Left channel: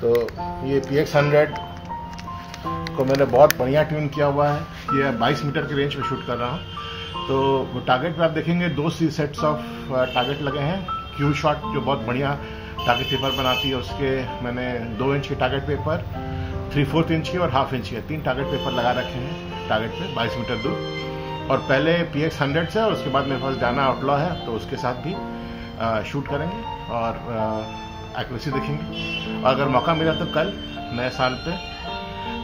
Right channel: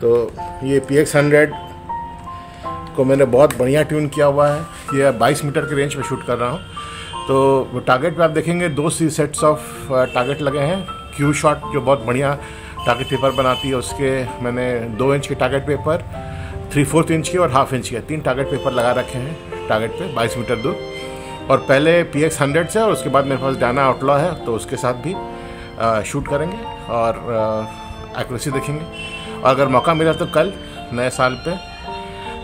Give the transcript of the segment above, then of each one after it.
तो ये PX100 को मैंने बहुत बढ़िया ट्यून किया हुआ है। ये 22 मीटर की रेंज में शूट कर रहा हूँ। तो वो टारगेट पे आप देखेंगे 2 सेट्स ऑफ टारगेट लगे हैं। क्यू शॉट जो बहुत बढ़िया टारगेट पेपर बनाती है, उसके मैंने 2 इंच के टारगेट पेपर, 3/4 इंच के और 1/2 इंच के 3 टारगेट पेपर लगा रखे हैं टारगेट पे 22 मीटर दूर। और पहले PX100 से और उसके बाद मेरे पास डायना आउटलॉ है, तो उसके साथ भी शूट करेंगे और एक्यूरेसी देखेंगे। और अगर मौका मिला तो कल नए साल पे,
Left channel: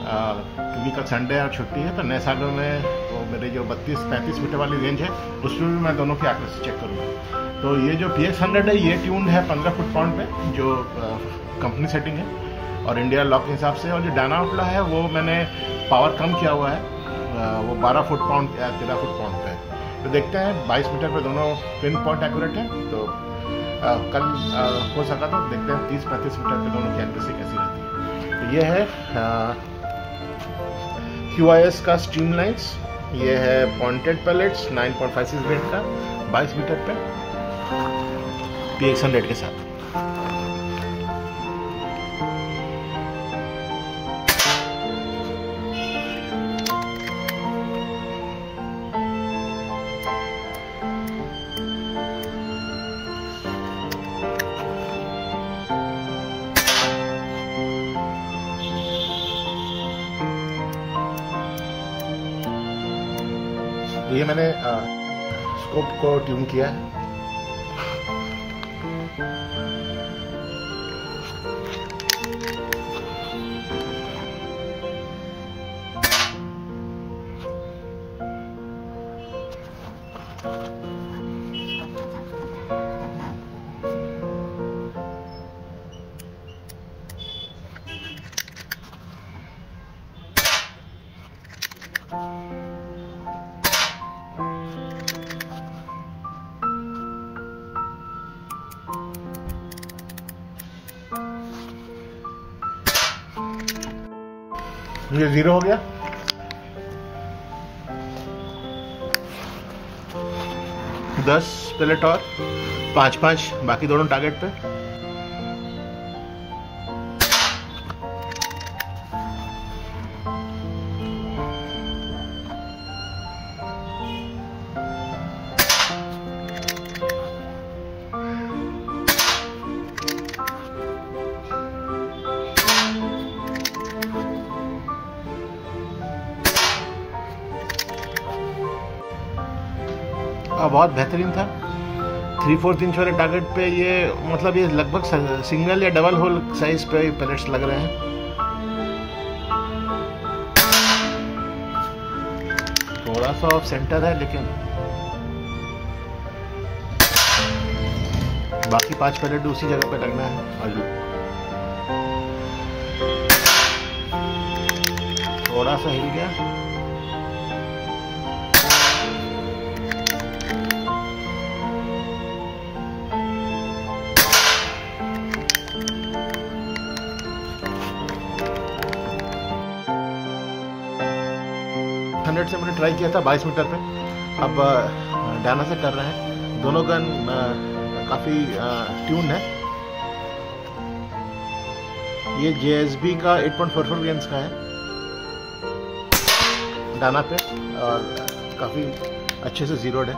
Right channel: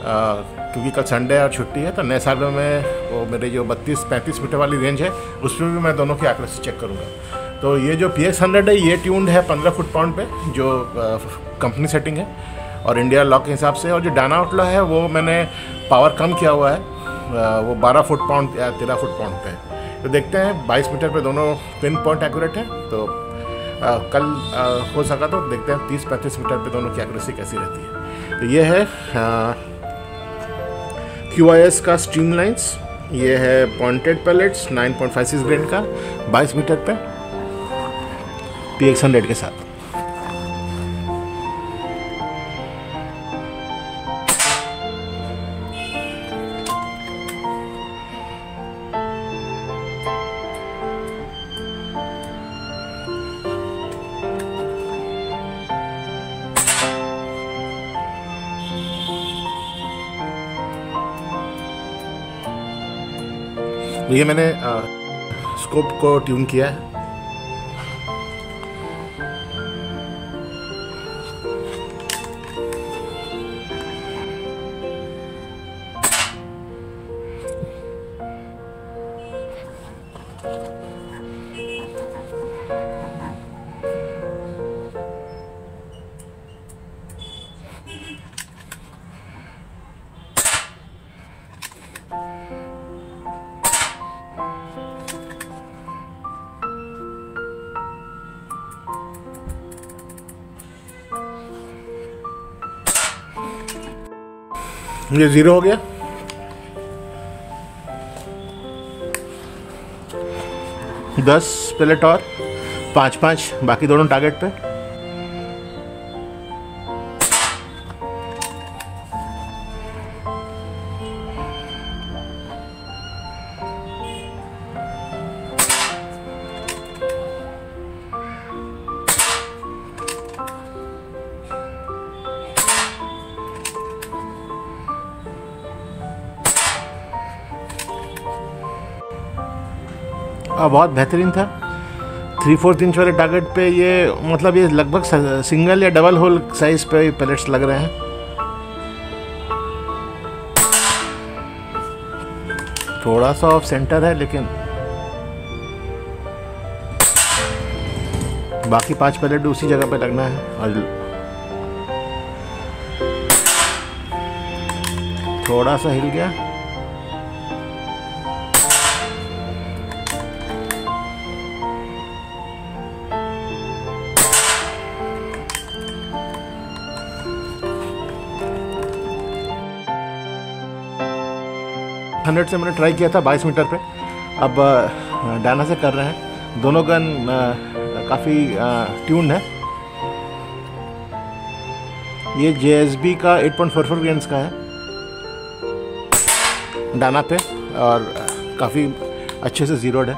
क्योंकि कल संडे और छुट्टी है, तो नए साल में मैं वो मेरे जो 32-35 मीटर वाली रेंज है उसमें भी मैं दोनों की एक्यूरेसी चेक करूँगा। तो ये जो PX100 है ये ट्यून्ड है 15 फुट पाउंड पे, जो कंपनी सेटिंग है और इंडिया लॉक के हिसाब से। और जो डायना आउटलॉ है वो मैंने पावर कम किया हुआ है, वो 12 फुट पाउंड या 13 फुट पाउंड पे है। तो देखते हैं 22 मीटर पे दोनों पिन पॉइंट एक्यूरेट है। तो कल हो सका तो देखते हैं 30-35 मीटर पे दोनों की एक्यूरेसी कैसी रहती है। तो ये है QIS का स्ट्रीमलाइंस, ये है पॉइंटेड पैलेट्स 9.56 ग्रेड का 22 मीटर पे PX100 के साथ। तो ये मैंने स्कोप को ट्यून किया है। ये 0 हो गया। दस पैलेट और 5-5 बाकी दोनों टारगेट पे। बहुत बेहतरीन था। 3/4 इंच वाले टारगेट पे ये मतलब ये लगभग सिंगल या डबल होल साइज पे पैलेट्स लग रहे हैं। थोड़ा सा ऑफ सेंटर है, लेकिन बाकी 5 पैलेट उसी जगह पे लगना है। और थोड़ा सा हिल गया। से मैंने ट्राई किया था 22 मीटर पे, अब डायना से कर रहे हैं। दोनों गन काफ़ी ट्यून है। ये JSB का 8.44 ग्रेन्स का है डायना पे और काफ़ी अच्छे से जीरोड है।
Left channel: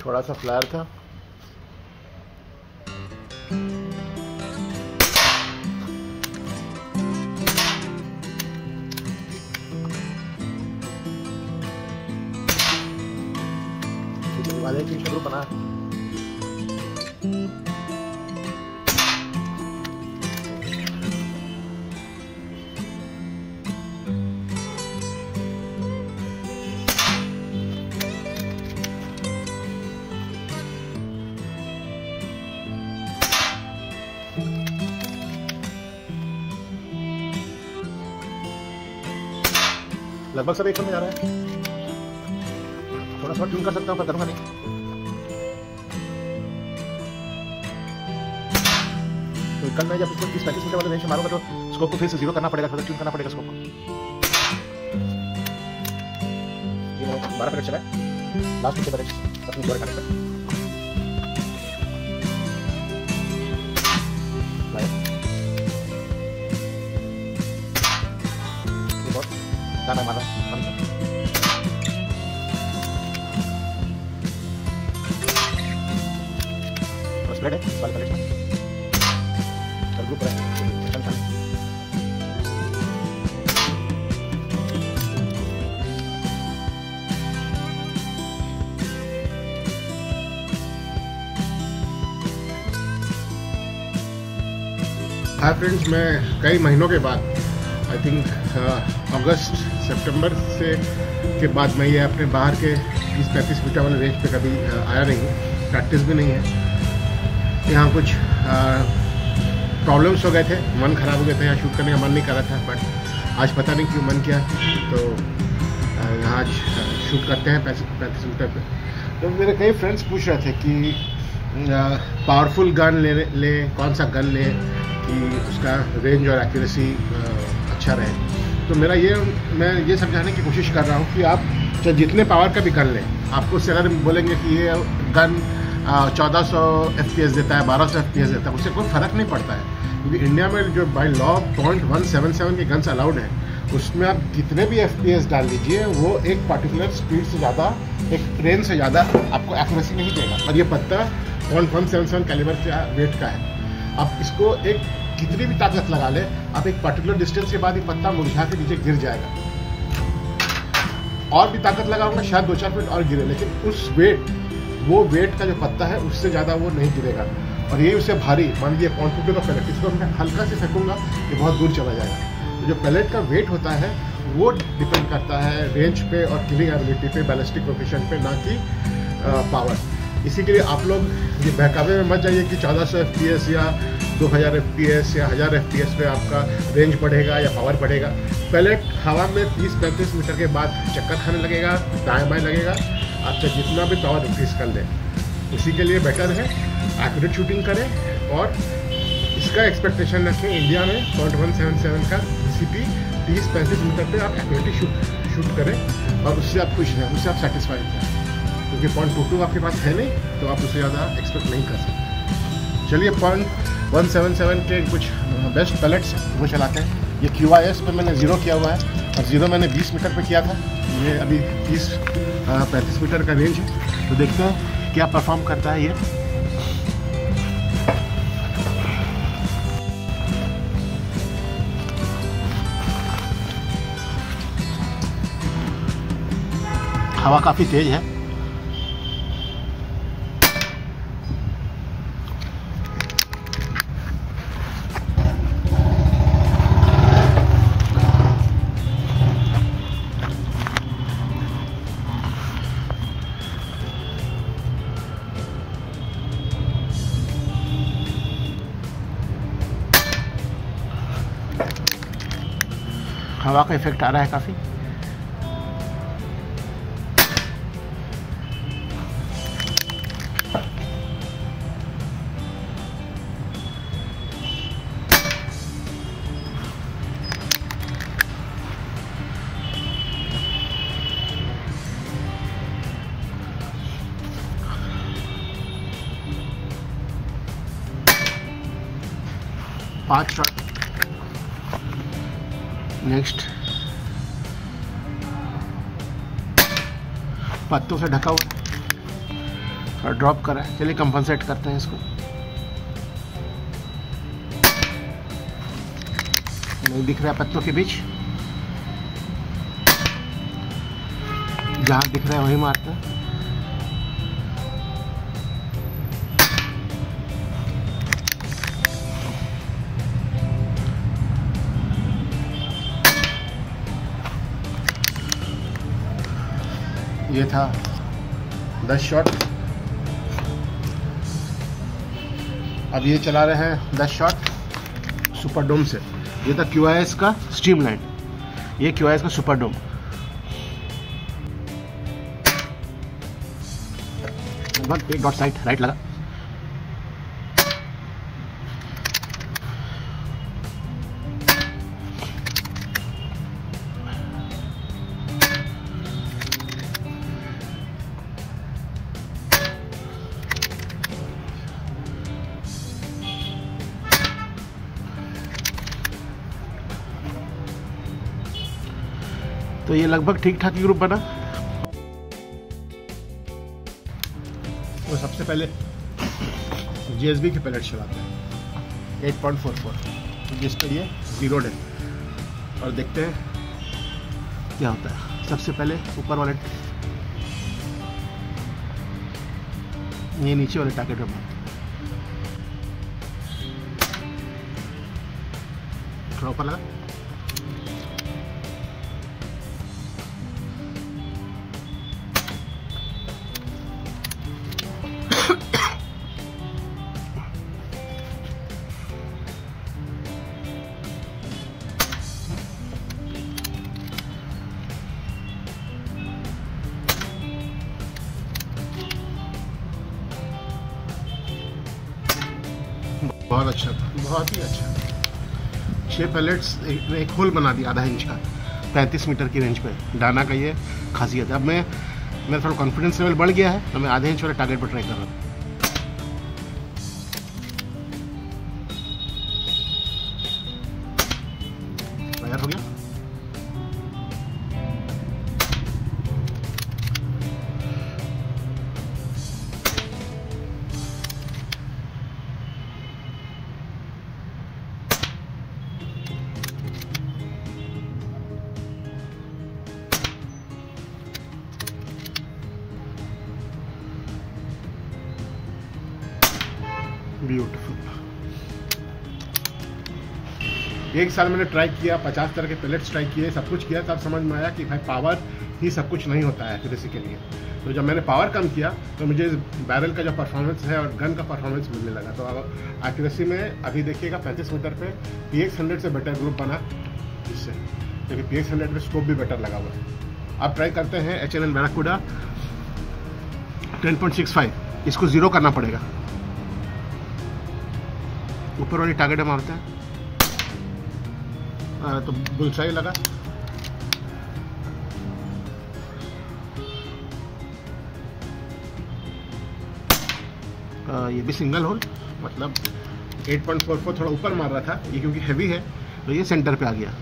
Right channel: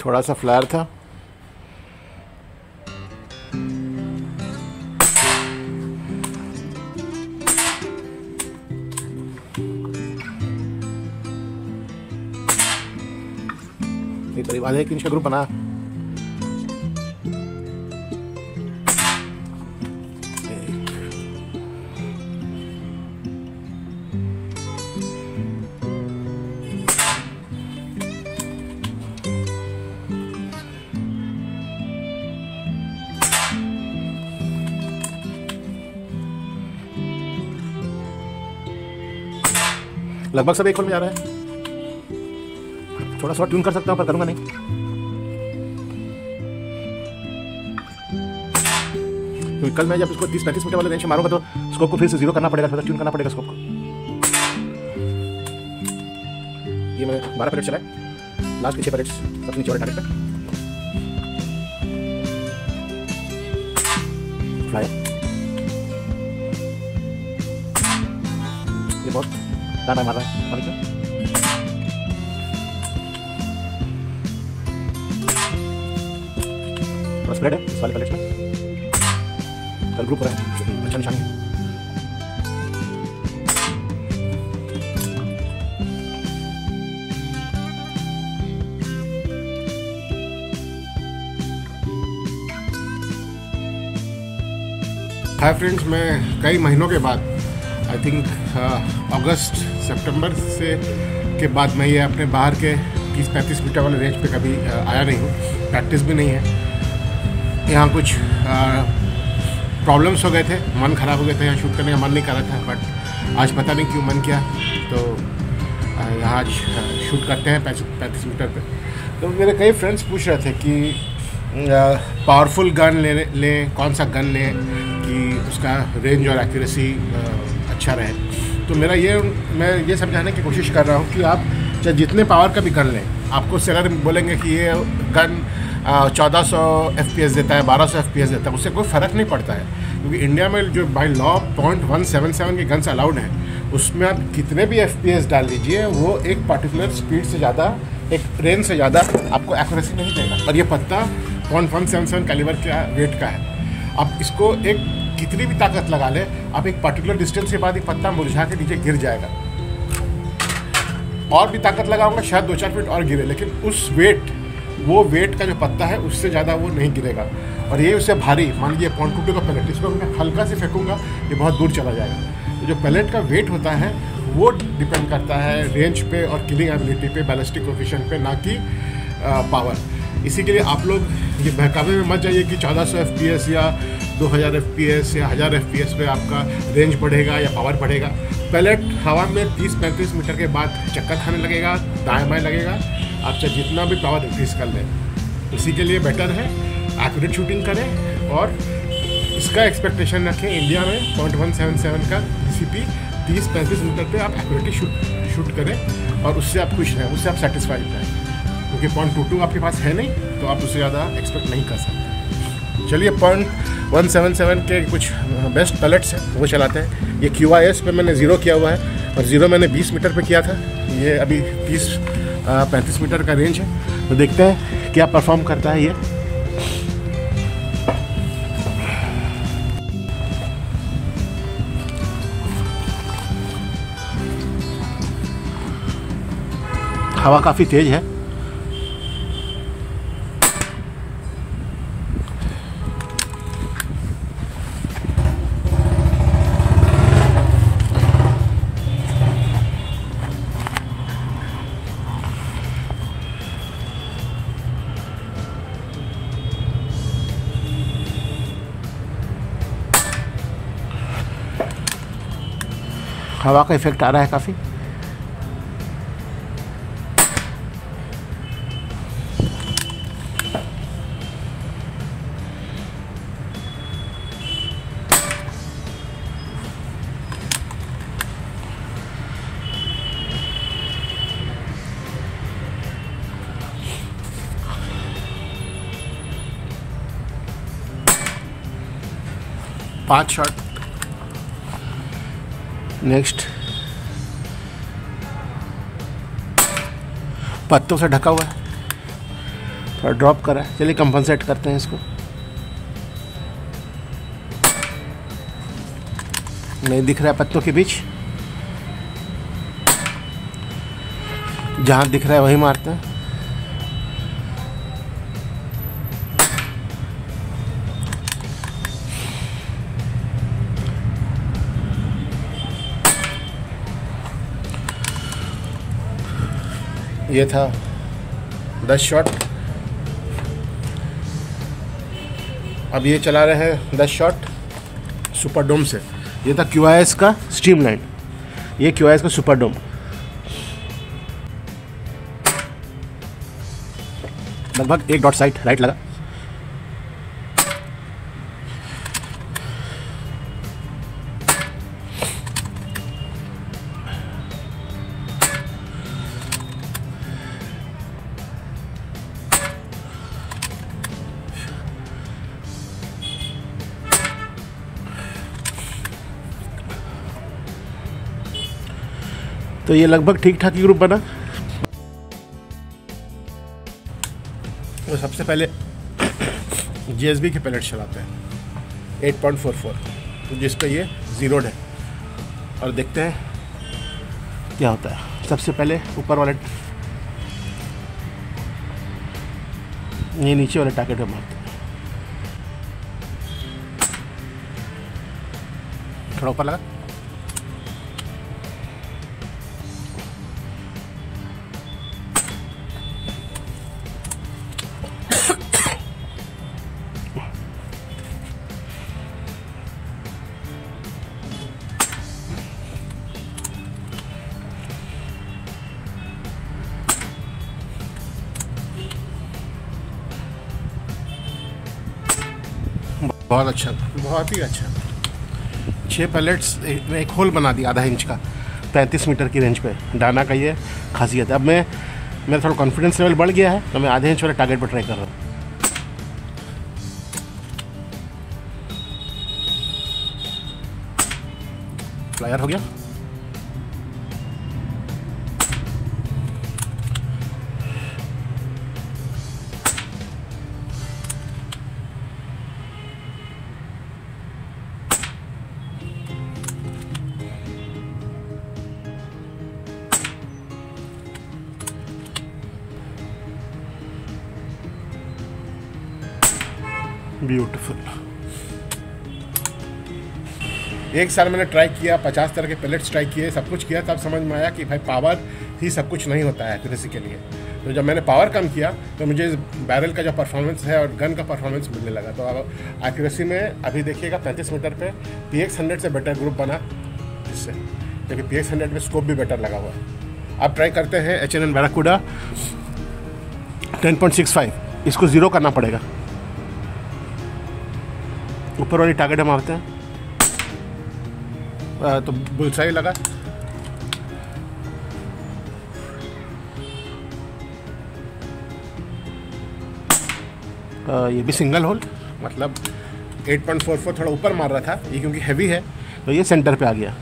थोड़ा सा फ्लायर था। करीब आधे 1 इंच का ग्रुप बना। लगभग सब एक फुल में जा रहा है। थोड़ा सा ट्यून कर सकता हूँ पर करूँगा नहीं। तो कल मैं जब इसको 30-35 मीटर वाले रेंज में मारूंगा तो स्कोप को फिर से 0 करना पड़ेगा, थोड़ा ट्यून करना पड़ेगा स्कोप को। 12 पैलेट चला है, लास्ट 6 पैलेट्स अपनी जोर टारगेट पे। ये बहुत दाना मारा स्प्रेड है इस वाले पैलेट में, और ग्रुप पर अच्छा निशान। हाय फ्रेंड्स, मैं कई महीनों के बाद आई थिंक अगस्त सितंबर से के बाद मैं ये अपने बाहर के 30-35 मीटर वाले रेंज पे कभी आया नहीं हूँ, प्रैक्टिस भी नहीं है। यहाँ कुछ प्रॉब्लम्स हो गए थे, मन ख़राब हो गए थे, यहाँ शूट करने का मन नहीं कर रहा था, बट आज पता नहीं क्यों मन किया, तो यहाँ आज शूट करते हैं 35 मीटर पे। तो मेरे कई फ्रेंड्स पूछ रहे थे कि पावरफुल गन ले कौन सा गन ले कि उसका रेंज और एक्यूरेसी अच्छा रहे। तो मैं ये समझाने की कोशिश कर रहा हूँ कि आप चाहे जितने पावर का भी गन लें, आपको उससे अगर बोलेंगे कि ये गन 1400 FPS देता है, 1200 FPS देता है, उससे कोई फ़र्क नहीं पड़ता है, क्योंकि इंडिया में जो बाय लॉ 0.177 के गन्स अलाउड हैं, उसमें आप कितने भी FPS डाल लीजिए, वो एक पर्टिकुलर स्पीड से ज़्यादा, एक रेंज से ज़्यादा आपको एक्यूरेसी नहीं देगा। और ये पत्ता 0.177 कैलिबर का वेट का है। आप इसको एक कितनी भी ताकत लगा ले, आप एक पर्टिकुलर डिस्टेंस के बाद ये पत्ता मुरझा के नीचे गिर जाएगा। और भी ताकत लगाऊंगा शायद 2-4 फीट और गिरे, लेकिन उस वो वेट का जो पत्ता है उससे ज़्यादा वो नहीं गिरेगा। और ये उससे भारी, मान लीजिए 0.22 का पैलेट, इसको मैं हल्का से फेंकूंगा, ये बहुत दूर चला जाएगा। तो जो पैलेट का वेट होता है वो डिपेंड करता है रेंज पे और किलिंग एबिलिटी पे, बैलिस्टिक कोएफिशिएंट पे, ना कि पावर। इसी के लिए आप लोग ये बहकावे में मत जाइए कि 1400 FPS या 2000 FPS या 1000 FPS पे आपका रेंज बढ़ेगा या पावर बढ़ेगा। पैलेट हवा में 30-35 मीटर के बाद चक्कर खाने लगेगा, दाएं बाएं लगेगा, आप चाहे जितना भी पावर इंक्रीज कर लें। इसी के लिए बेटर है एक्यूरेट शूटिंग करें, और इसका एक्सपेक्टेशन रखें इंडिया में 0.177 का CP 30-35 मीटर पे आप एक्यूरेटली शूट करें, और उससे आप खुश रहें, उससे आप सेटिस्फाइड रहें, क्योंकि 0.22 आपके पास है नहीं, तो आप उससे ज़्यादा एक्सपेक्ट नहीं कर सकते। चलिए 0.177 के कुछ बेस्ट पैलेट्स हैं वो चलाते हैं। ये QIS पे मैंने 0 किया हुआ है, और 0 मैंने 20 मीटर पे किया था। ये अभी 35 मीटर का रेंज है, तो देखते हैं क्या परफॉर्म करता है ये। हवा काफ़ी तेज है। हवा का इफेक्ट आ रहा है काफ़ी। पांच शॉट। नेक्स्ट पत्तों से ढका हुआ है, थोड़ा ड्रॉप करा है। चलिए कंपनसेट करते हैं इसको। नहीं दिख रहा है पत्तों के बीच, जहाँ दिख रहा है वही मारते हैं। ये था 10 शॉट। अब ये चला रहे हैं 10 शॉट सुपरडोम से। ये था QIS का स्ट्रीमलाइन, ये QIS का सुपरडोम। लगभग 1 डॉट साइड राइट लगा। तो ये लगभग ठीक ठाक ही ग्रुप बना। तो सबसे पहले GSB के पैलेट चलाते हैं 8.44, जिस पे ये जीरोड है, और देखते हैं क्या होता है। सबसे पहले ऊपर वाले, ये नीचे वाले टारगेट पे मारते हैं। थोड़ा ऊपर लगा, बहुत अच्छा, बहुत ही अच्छा। 6 पैलेट्स, एक होल बना दिया आधा इंच का 35 मीटर की रेंज पे। डाना का ये खासियत है। अब मेरा थोड़ा कॉन्फिडेंस लेवल बढ़ गया है, तो मैं आधे इंच वाले टारगेट पर ट्राई कर रहा हूँ। फ्लायर हो गया। ब्यूटीफुल। एक साल मैंने ट्राई किया, 50 तरह के पैलेट्स ट्राई किए, सब कुछ किया, तब समझ में आया कि भाई पावर ही सब कुछ नहीं होता है एक्यूरेसी के लिए। तो जब मैंने पावर कम किया तो मुझे बैरल का जो परफॉर्मेंस है और गन का परफॉर्मेंस मिलने लगा। तो एक्यूरेसी में अभी देखिएगा 35 मीटर पे PX100 से बेटर ग्रुप बना इससे, क्योंकि PX100 में स्कोप भी बेटर लगा हुआ है। अब ट्राई करते हैं H&N बैराकूडा 10.65, इसको 0 करना पड़ेगा। ऊपर वाली टारगेट हम मारते हैं, तो बुलसाई लगा। ये भी सिंगल होल, मतलब 8.44 थोड़ा ऊपर मार रहा था ये, क्योंकि हैवी है तो ये सेंटर पे आ गया।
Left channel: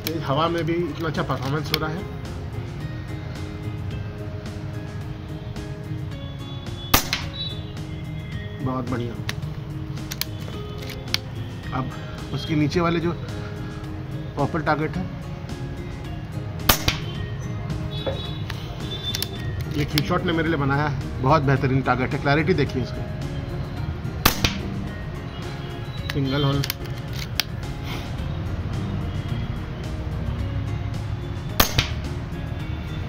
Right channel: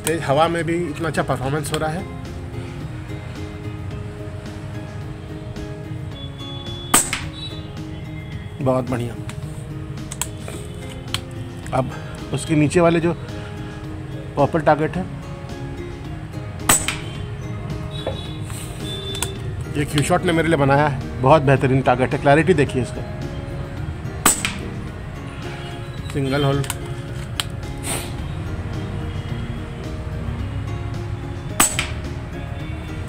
तेज हवा में भी इतना अच्छा परफॉर्मेंस हो रहा है। बहुत बढ़िया। अब उसके नीचे वाले जो पर्पल टारगेट है, ये क्यू शॉट ने मेरे लिए बनाया है, बहुत बेहतरीन टारगेट है। क्लैरिटी देखिए इसका। सिंगल होल,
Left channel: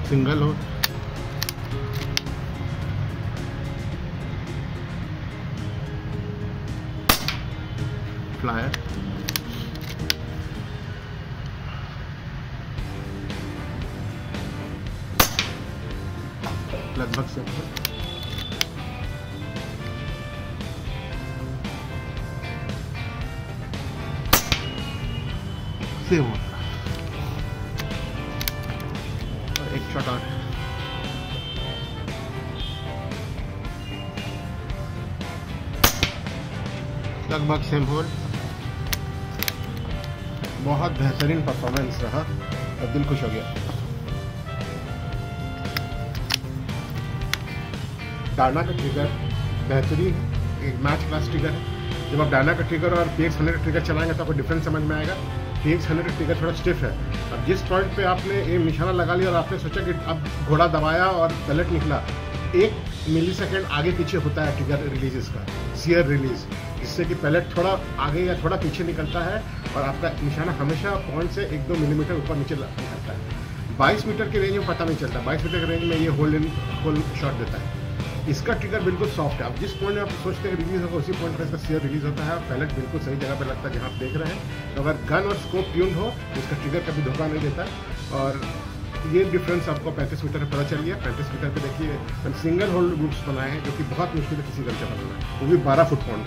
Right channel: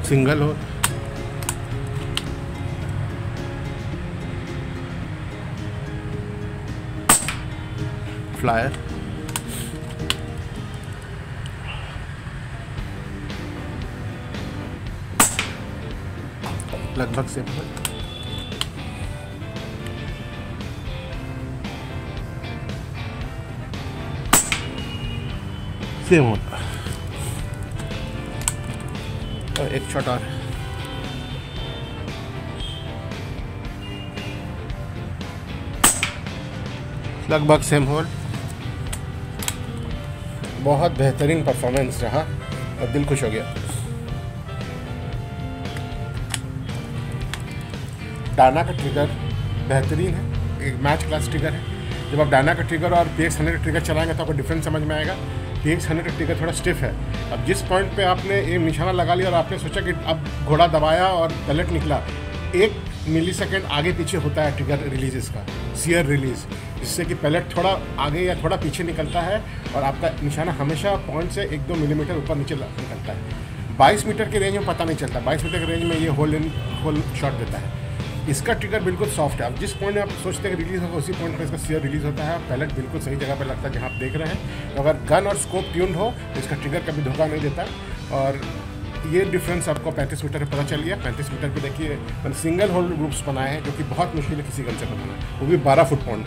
सिंगल हो, फ्लायर, लगभग से सेम हो। और एक शॉट और, लगभग सेम होल। बहुत बेहतरीन परफॉर्मेंस रहा और दिल खुश हो गया। डाना का ट्रिगर बेहतरीन है, एक मैच क्लास ट्रिगर है। जब आप डाना का ट्रिगर और PX100 का ट्रिगर चलाएंगे तो आपको डिफरेंस समझ में आएगा। PX100 का ट्रिगर थोड़ा स्टिफ है। अब जिस पॉइंट पे आपने ये निशाना लगा लिया और आपने सोचा कि अब घोड़ा दबाया और पैलेट निकला, 1 मिलीसेकंड आगे पीछे होता है ट्रिगर रिलीज इसका, सीयर रिलीज, जिससे कि पैलेट थोड़ा आगे या थोड़ा पीछे निकलता है और आपका निशाना हमेशा पॉइंट से 1-2 मिलीमीटर ऊपर नीचे निकलता है। 22 मीटर के रेंज में पता नहीं चलता, 22 मीटर के रेंज में ये होल शॉट देता है। इसका ट्रिगर बिल्कुल सॉफ्ट है। आप जिस पॉइंट में आप सोचते हैं रिलीज होगा उसी पॉइंट पर इसका सीयर रिलीज होता है और पैलेट बिल्कुल सही जगह पर लगता है जहाँ आप देख रहे हैं। अगर गन और स्कोप ट्यून हो तो इसका ट्रिगर कभी धोखा नहीं देता। और ये डिफरेंस आपको 35 मीटर पर पता चल गया। 35 मीटर पे देखिए सिंगल होल ग्रुप्स बनाए हैं, जो कि बहुत मुश्किल है किसी कल्चर में, वो भी 12 फुट पॉइंट।